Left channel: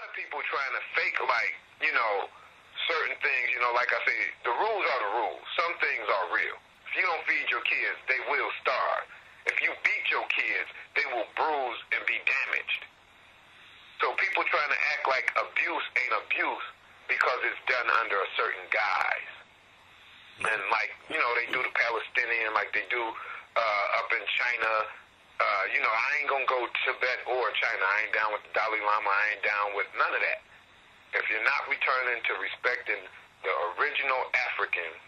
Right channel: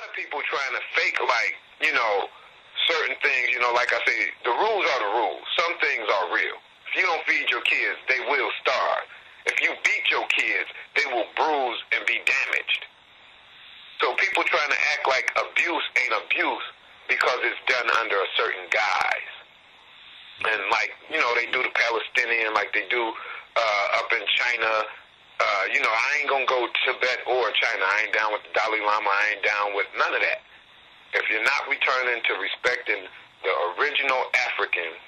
lot of people trying to fake, like, you know, certain things, you know, like I say, the rules are the rules. Some things are real. If you don't feed your kids, they will starve. If you beat your kids, they will bruise and be damaged. So people trying to act like abuse ain't abuse because it's done under a certain guise. And like, you know, they do the Palestinian like they do up in China. You know, I ain't gonna go Tibet or China. I ain't down with the Dalai Lama. I ain't down with none of that. If you're not returning to respecting the original Africans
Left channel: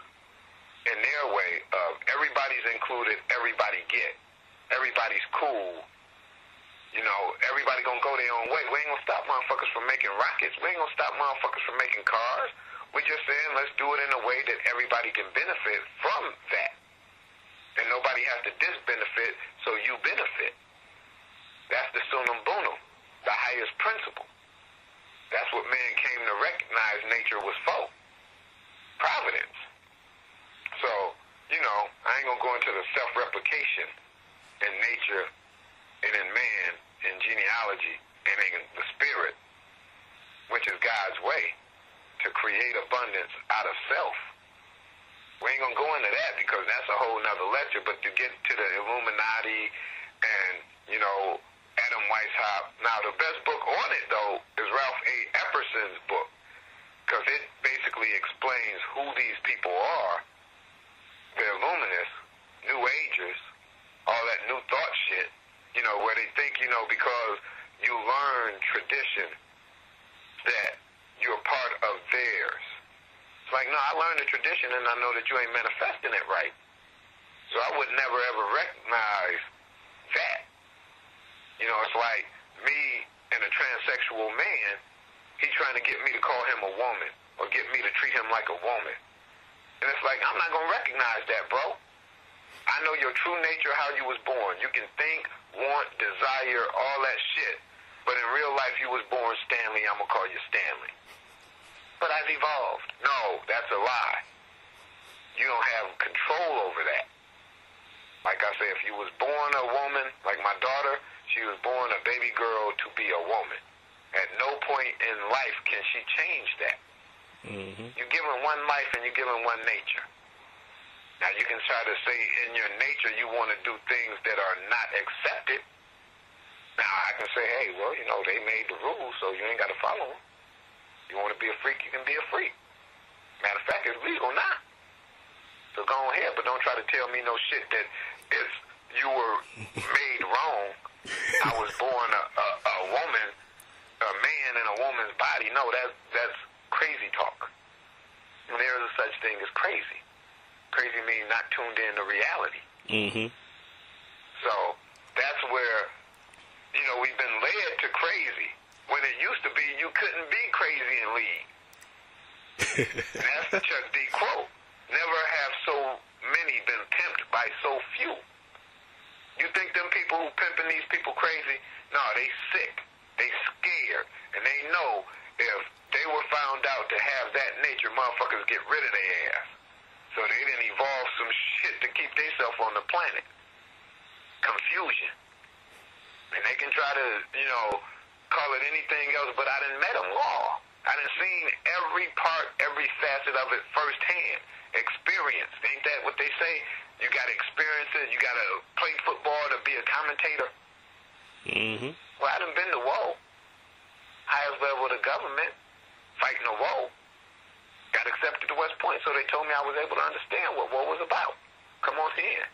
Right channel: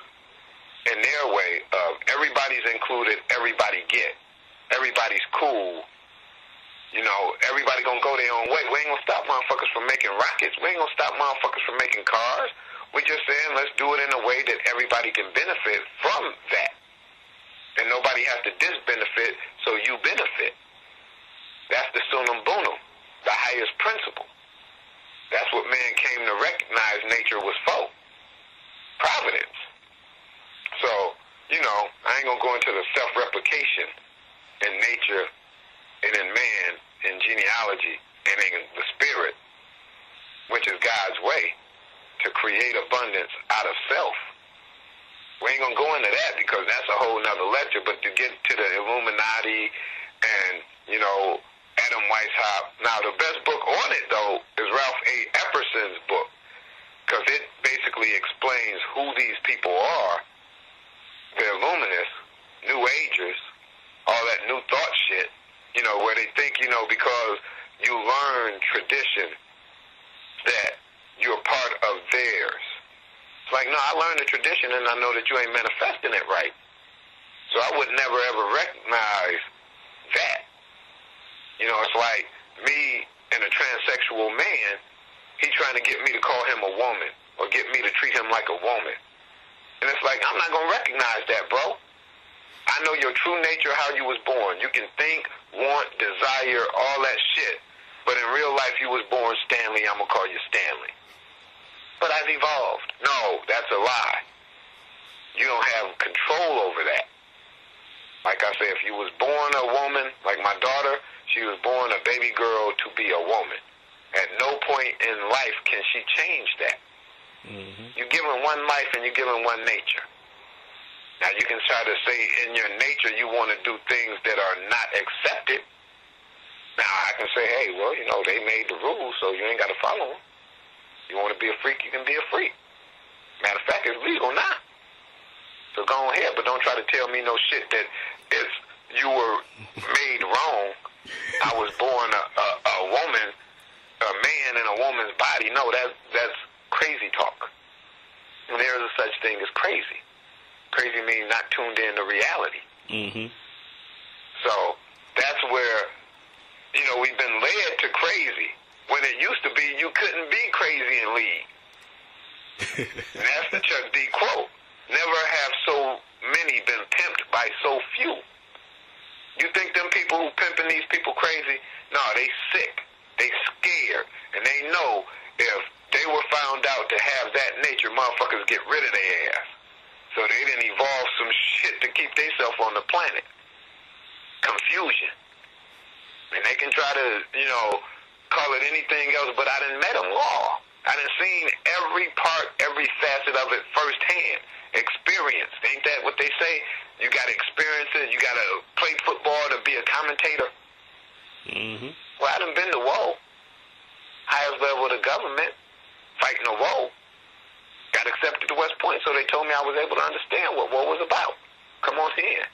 in their way of everybody's included, everybody get, everybody's cool, you know, everybody gonna go their own way. We ain't gonna stop motherfuckers from making rockets. We ain't gonna stop motherfuckers from making cars. We just saying let's do it in a way that everybody can benefit from that. And nobody has to disbenefit, so you benefit. That's the sunum bunum, the highest principle. That's what man came to recognize nature was for. Providence. So, you know, I ain't gonna go into the self-replication in nature and in man, in genealogy, and in the spirit, which is God's way to create abundance out of self. We ain't gonna go into that because that's a whole nother lecture, but to get to the Illuminati and, you know, Adam Weishaupt. Now, the best book on it, though, is Ralph A. Epperson's book, because it basically explains who these people are. The Illuminists, New Agers, all that New Thought shit, you know, where they think, you know, because you learn tradition that you're part of theirs. It's like, no, I learned the tradition and I know that you ain't manifesting it right. So I would never ever recognize that. You know, it's like me and a transsexual man, he trying to get me to call him a woman or get me to treat him like a woman. And it's like, I'm not going to recognize that, bro. I know your true nature, how you was born. You can think, want, desire, all that shit. But in real life, you was born Stanley. I'm going to call you Stanley. But I've evolved. No, that's a lie. You don't have control over that. Like I say, if you was born a woman, like my daughter, she was born a baby girl to be a woman. At no point in life can she change that. Mm-hmm. You're given one life and you're given one nature. Now you can try to say in your nature you want to do things that are not accepted. Now I can say, hey, well, you know, they made the rules, so you ain't got to follow them. You want to be a freak, you can be a freak. Matter of fact, it's legal now. So go ahead, but don't try to tell me no shit that it's you were made wrong. I was born a woman, a man in a woman's body. No, that's crazy talk. And there is a such thing as crazy. Crazy means not tuned in to reality. Mm-hmm. So that's where, you know, we've been led to crazy. When it used to be, you couldn't be crazy and lead. And that's the Chuck D quote. Never have so many been pimped by so few. You think them people who pimping these people crazy? No, they sick. They scared. And they know if they were found out to have that nature, motherfuckers get rid of their ass. So they didn't evolve some shit to keep themselves on the planet. Confusion. And they can try to, you know, call it anything else, but I done met them all. I done seen every part, every facet of it firsthand. Experience. Ain't that what they say? You got to experience it. You got to play football to be a commentator. Mm-hmm. Well, I done been to war. Highest level of the government. Fighting a war. Got accepted to West Point, so they told me I was able to understand what war was about. Come on here.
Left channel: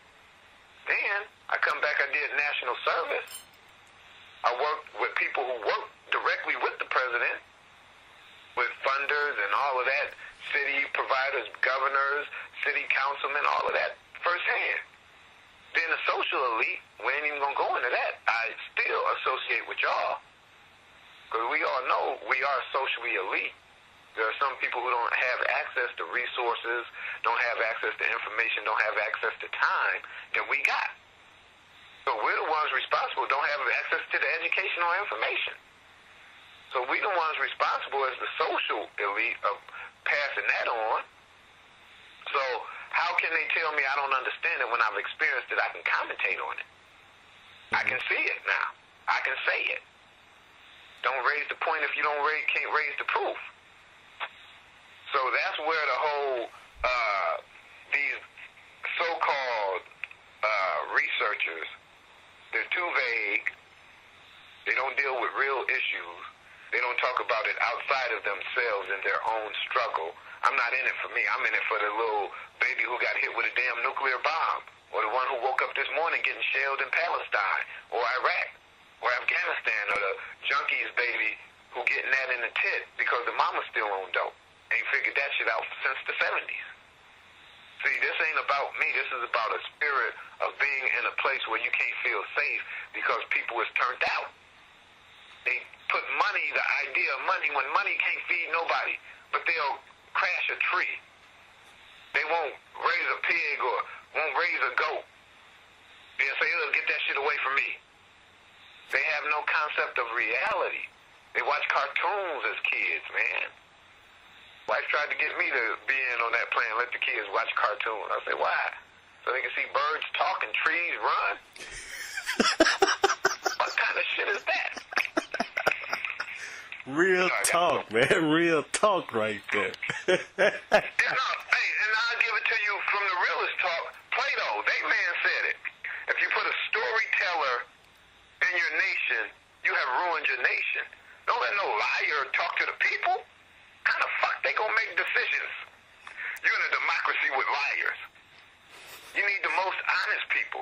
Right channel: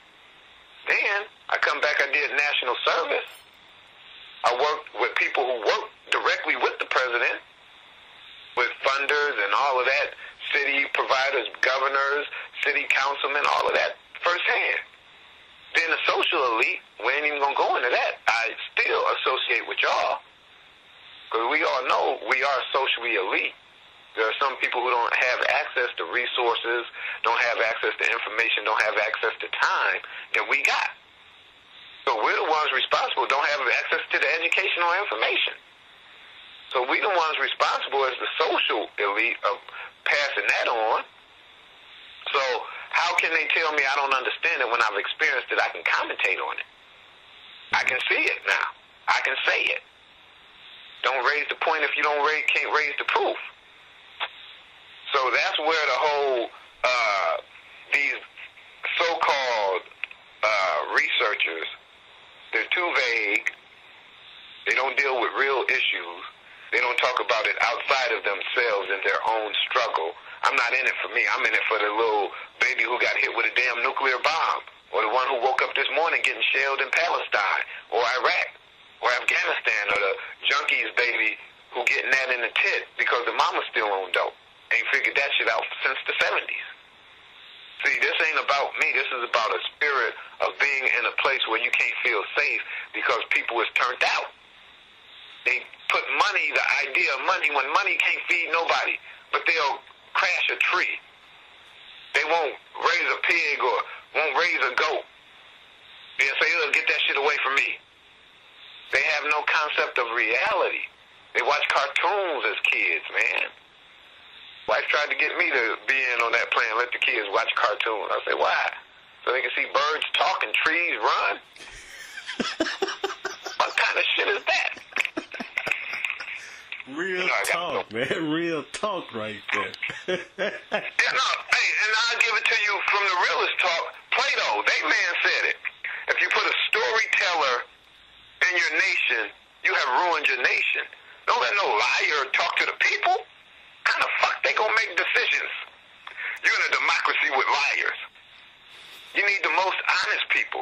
Then, I come back, I did national service. I worked with people who worked directly with the president, with funders and all of that, city providers, governors, city councilmen, all of that firsthand. Then the social elite, we ain't even going to go into that. I still associate with y'all. Because we all know we are socially elite. There are some people who don't have access to resources, don't have access to information, don't have access to time that we got. So we're the ones responsible, don't have access to the educational information. So we the ones responsible as the social elite of passing that on. So how can they tell me I don't understand it when I've experienced it? I can commentate on it. I can see it now. I can say it. Don't raise the point if you can't raise the proof. So that's where the whole these so-called researchers, they're too vague. They don't deal with real issues. They don't talk about it outside of themselves and their own struggle. I'm not in it for me. I'm in it for the little baby who got hit with a damn nuclear bomb, or the one who woke up this morning getting shelled in Palestine or Iraq or Afghanistan, or the junkies baby who getting that in the tit because the mama's still on dope. Ain't figured that shit out since the 70s. See, this ain't about me. This is about a spirit of being in a place where you can't feel safe because people is turned out. They put money, the idea of money, when money can't feed nobody, but they'll crash a tree. They won't raise a pig or won't raise a goat. They'll say, "Oh, get that shit away from me." They have no concept of reality. They watch cartoons as kids, man. Wife tried to get me to be in on that plan, let the kids watch cartoons. I said, why? So they can see birds talk and trees run? What kind of shit is that? Real talk, man. Real talk right there. Yeah, no, hey, and I'll give it to you from the realest talk. Plato, that man said it. If you put a storyteller in your nation, you have ruined your nation. Don't let no liar talk to the people. How the fuck they gonna make decisions? You're in a democracy with liars. You need the most honest people.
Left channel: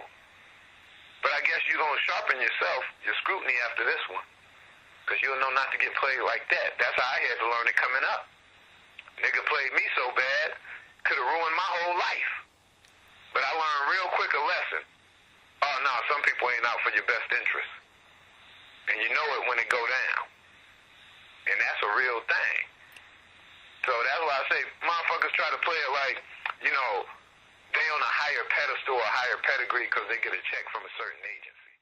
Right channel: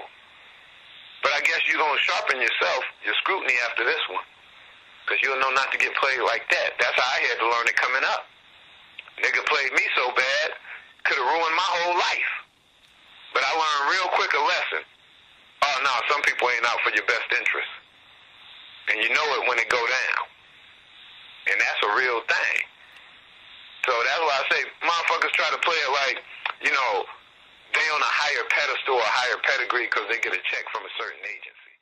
But I guess you're gonna sharpen yourself, your scrutiny after this one. Because you'll know not to get played like that. That's how I had to learn it coming up. Nigga played me so bad, could have ruined my whole life. But I learned real quick a lesson. Oh, no, some people ain't out for your best interest. And you know it when it go down. And that's a real thing. So that's why I say motherfuckers try to play it like, you know, they on a higher pedestal or higher pedigree because they get a check from a certain agency.